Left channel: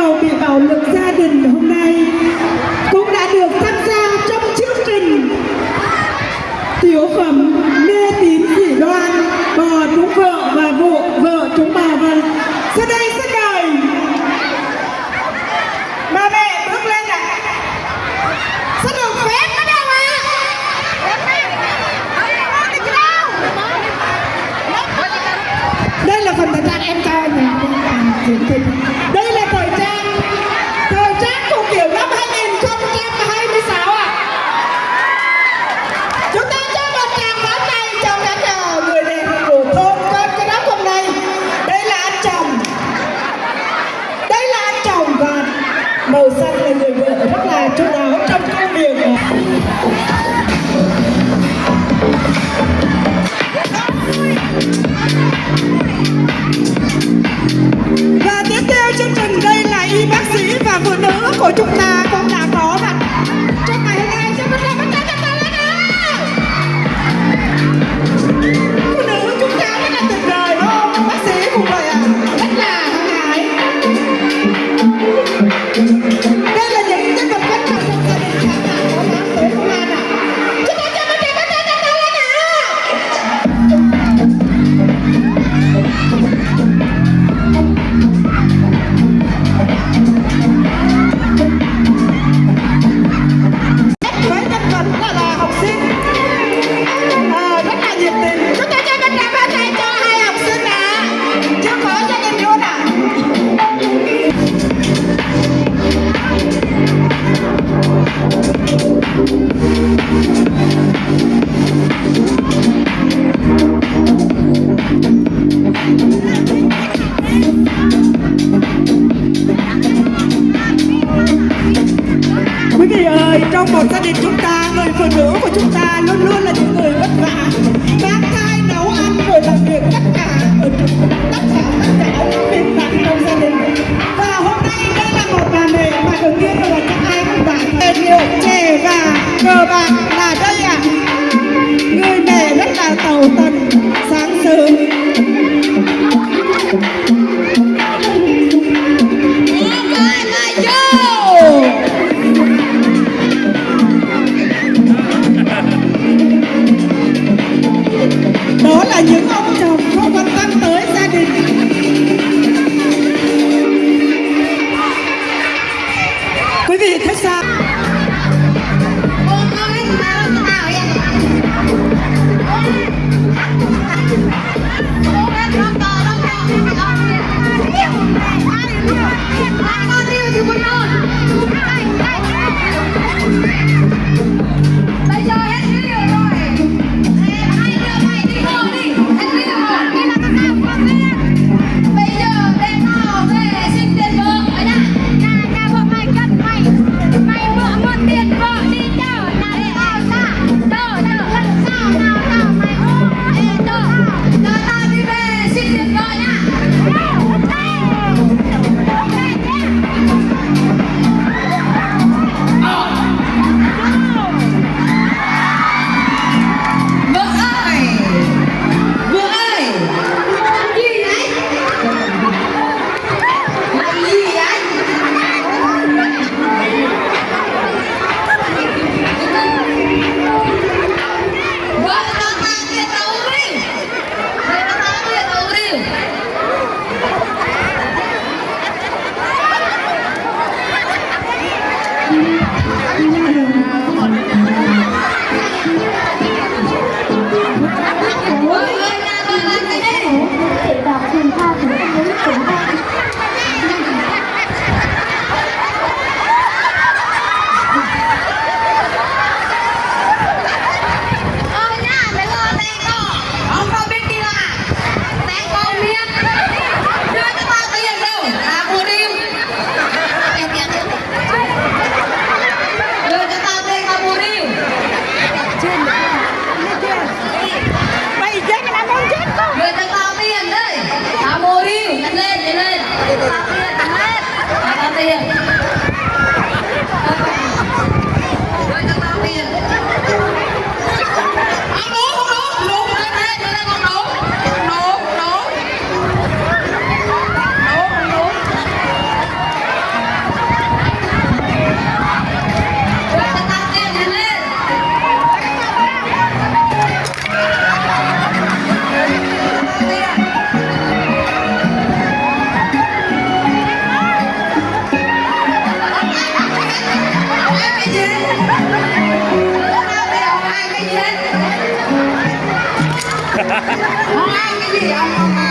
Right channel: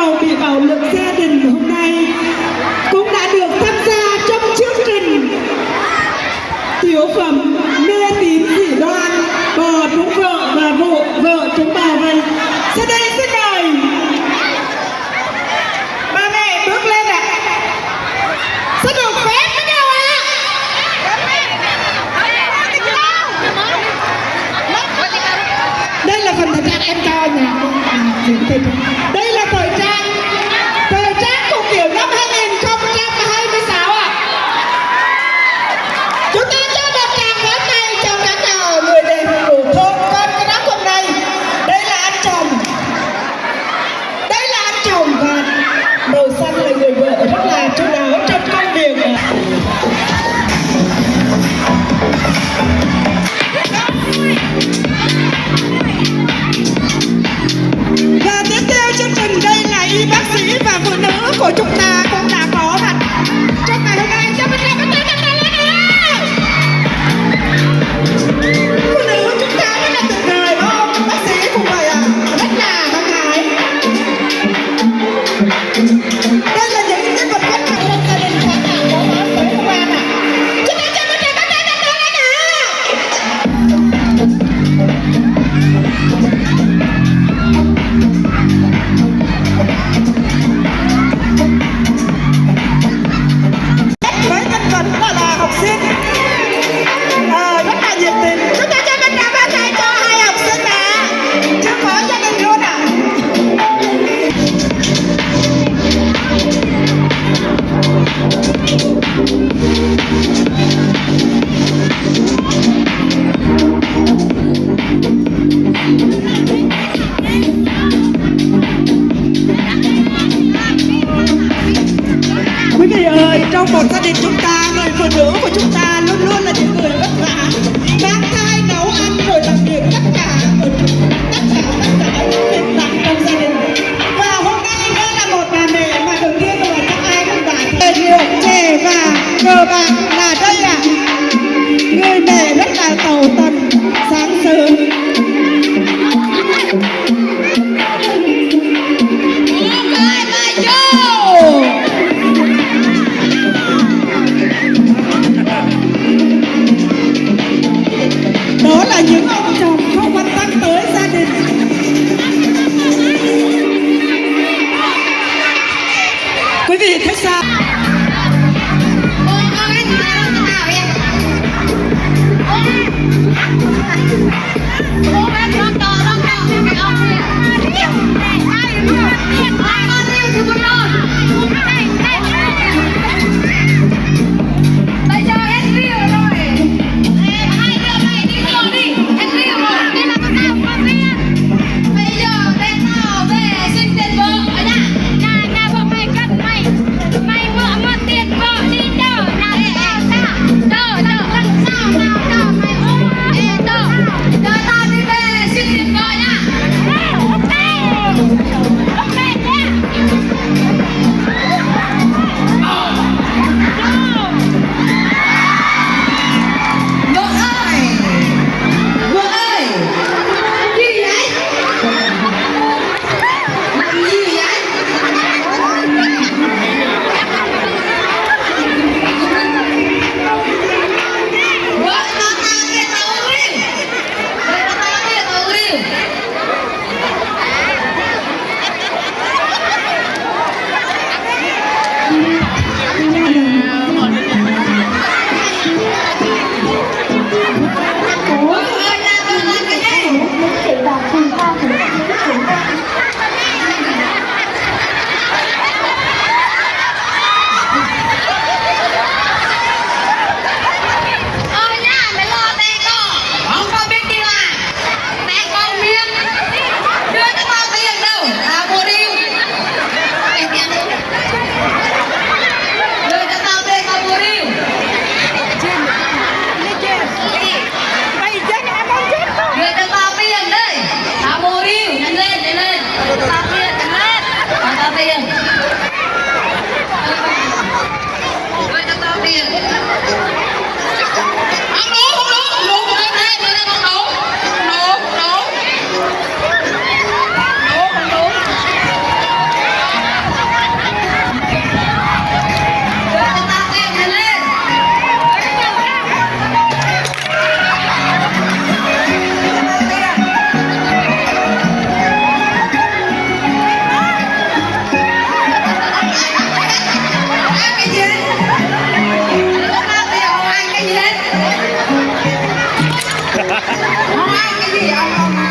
bầu bị bạo lực gia đình hôm nay cũng đã được tham gia trong chương trình tiểu phẩm mê tín dị đoan, bò trúng vợ và vợ trúng bò. Và sau đây xin mời ba mẹ bước lên ạ. Xin được phép bắt đầu ạ. Đây là phần thật em cho nè. Đây là thời trang của kiểu năm 2026 ạ. Chúng ta cho một tràng pháo tay cho các người đẹp của thôn con cái đó hôm nay. Đây là anh chồng và màu xanh là người vợ rất là chu đáo trong công việc. Và tiếp theo chương trình đây là y bác sĩ và phụ nữ của chúng ta cũng đã có mặt trong ngày hôm nay. Cho bắt đầu lên nào. Phụ nữ chúng ta rất là tuyệt vời đúng không? Bác sĩ cũng vậy ạ, rất là hăng hái. Đây là những nhân vật quan trọng trong gia đình khán giả có nói tới hôm nay ạ. Chúng ta cho bắt đầu lên nào. Với thân phận là học sinh rất là nhiệt tình. Chúng ta cho bắt đầu bắt tay cho hai học sinh ạ. Chưa có gia đình luôn ạ. Quý vị ơi, trong một gia đình chúng ta, người phụ nữ của chúng ta luôn luôn là những người vất vả, mang thai, nấu ăn, rồi làm việc tất cả những việc vặt trong gia đình. Và hôm nay đây là một bà mẹ mà đầu tiên là các ai cũng đã tài liệu chè và cờ bạc là đây ạ. Người mẹ rất là tàu tần sáng sớm. Đó là những ông chồng không quan tâm tới gia đình. Quý vị thấy sao? Bây giờ hết rượu rồi. Hai đứa mày đi ngồi đi. Hết rượu rồi. Đi làm cái nào con viên. Bây giờ bên tao về xin tiền vợ nhá. Nhà vợ mày cần mày. Mày vợ mượn tiền vợ đi chợ. Nào chợ lần sau nào chợ mày ôm. Chợ tao đi về xin tiền vợ nhá. đi ăn con ta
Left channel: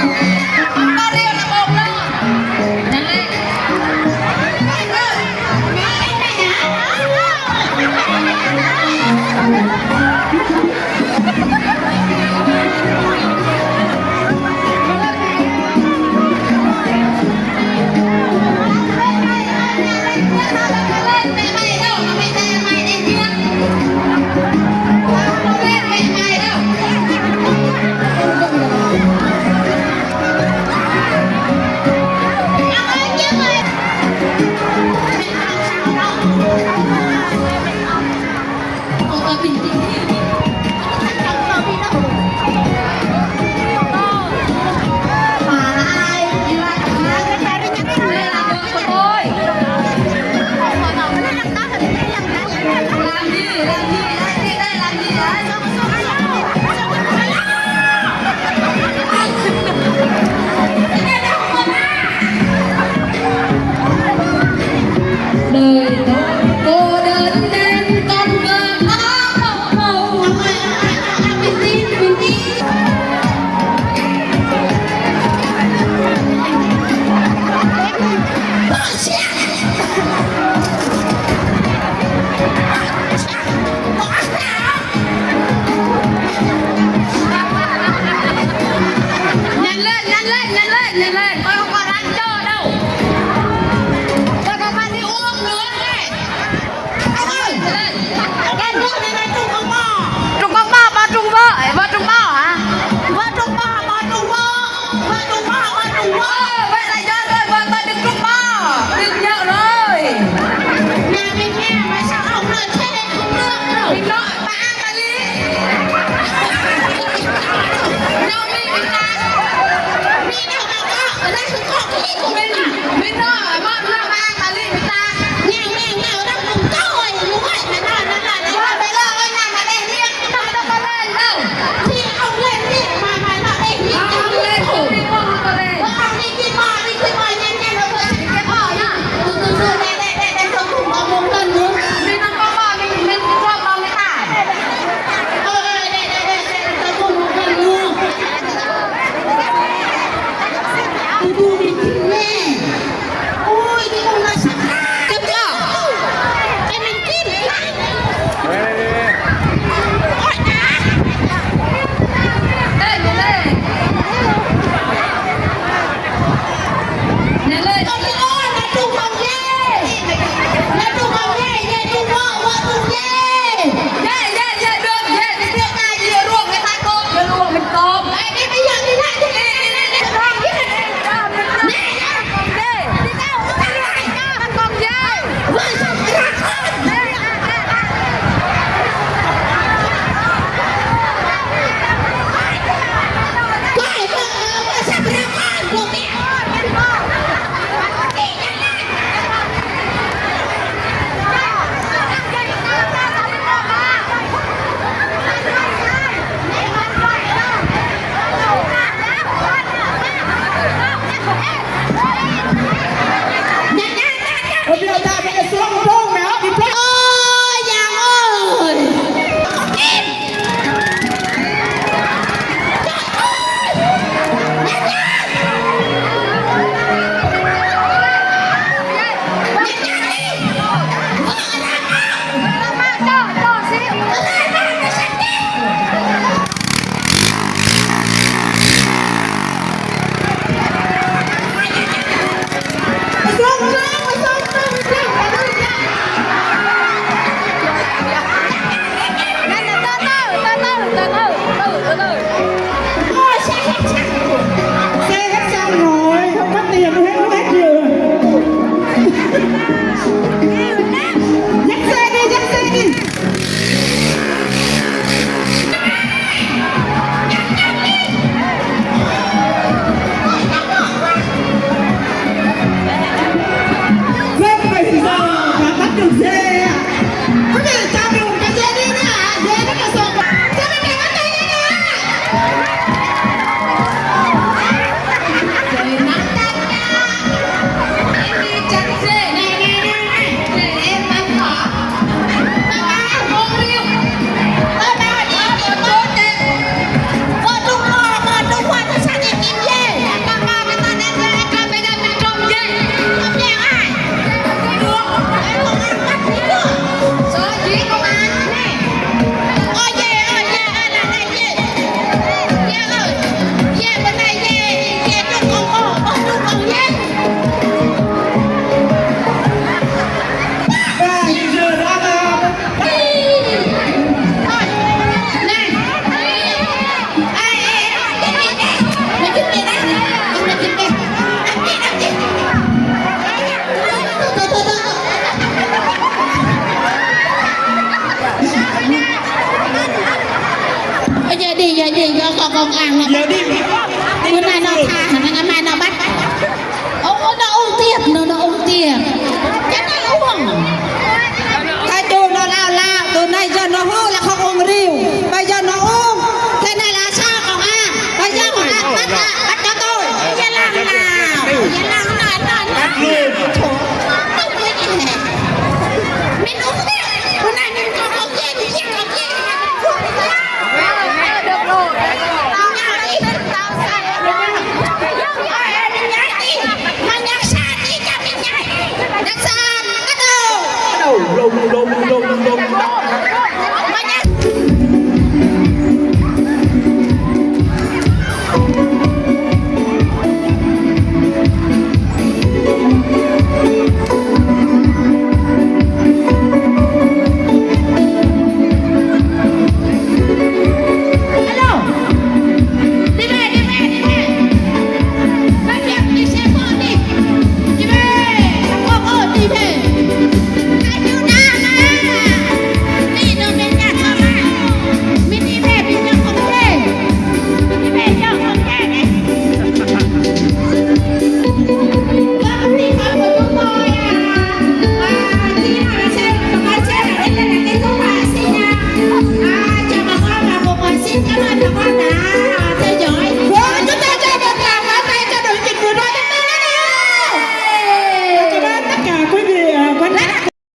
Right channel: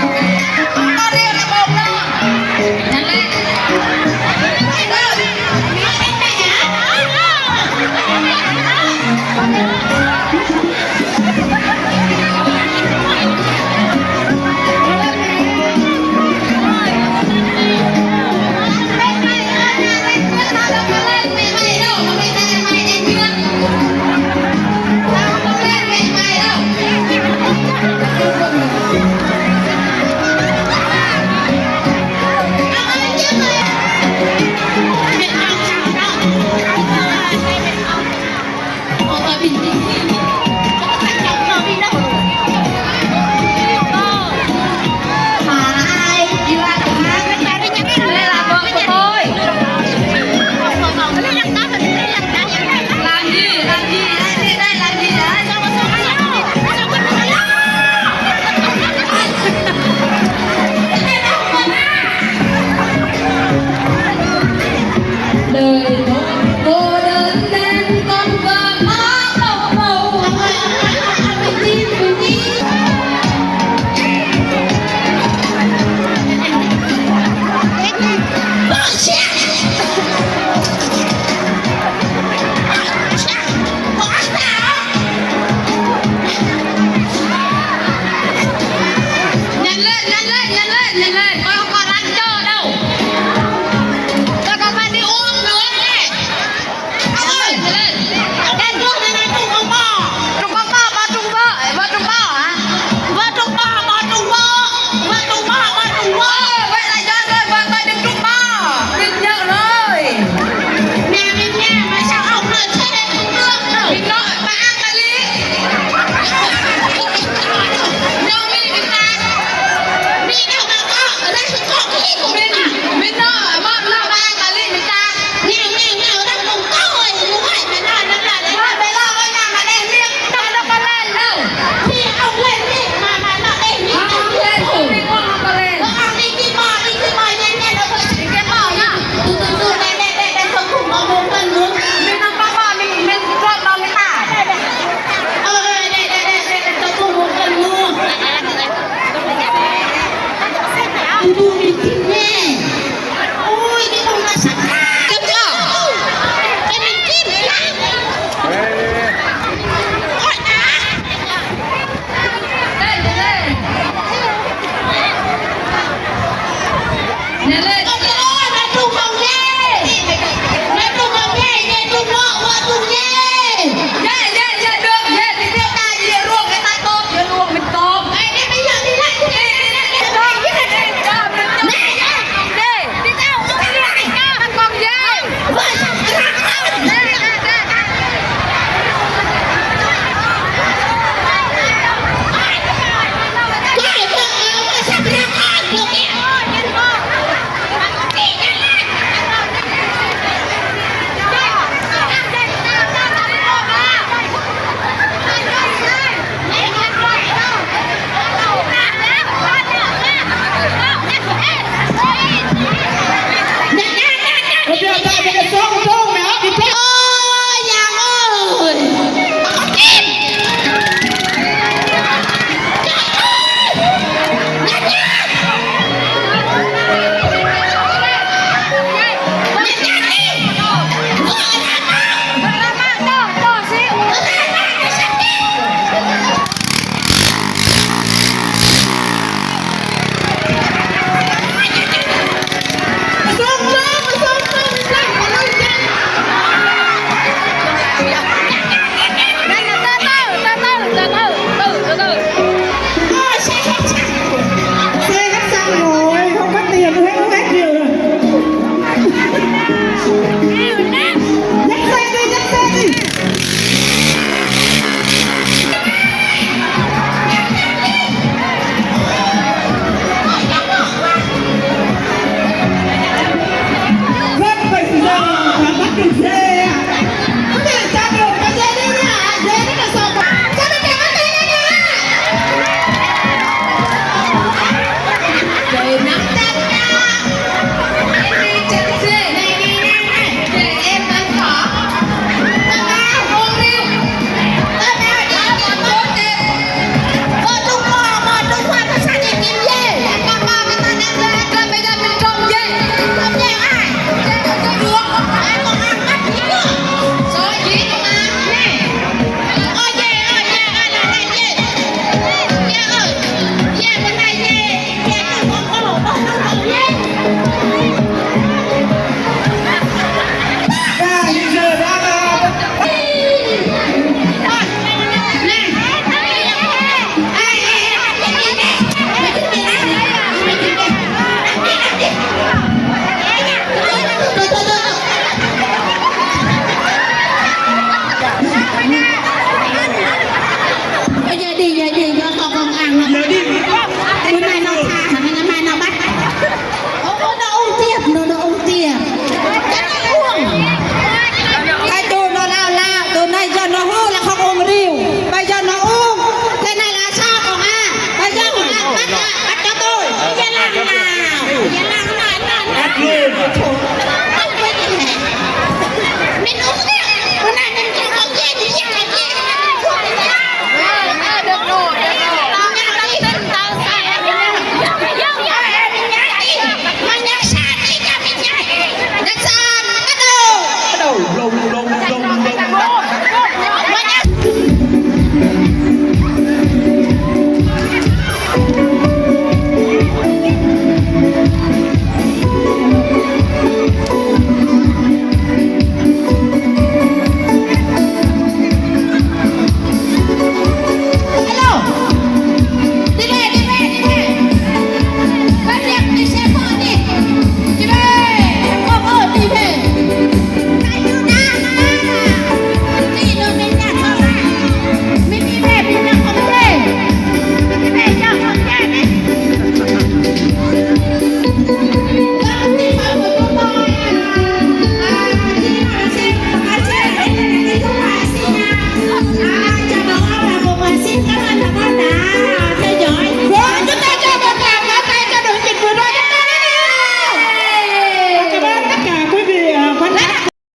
riêu là bông đó nhanh lên เดี๋ยวนี้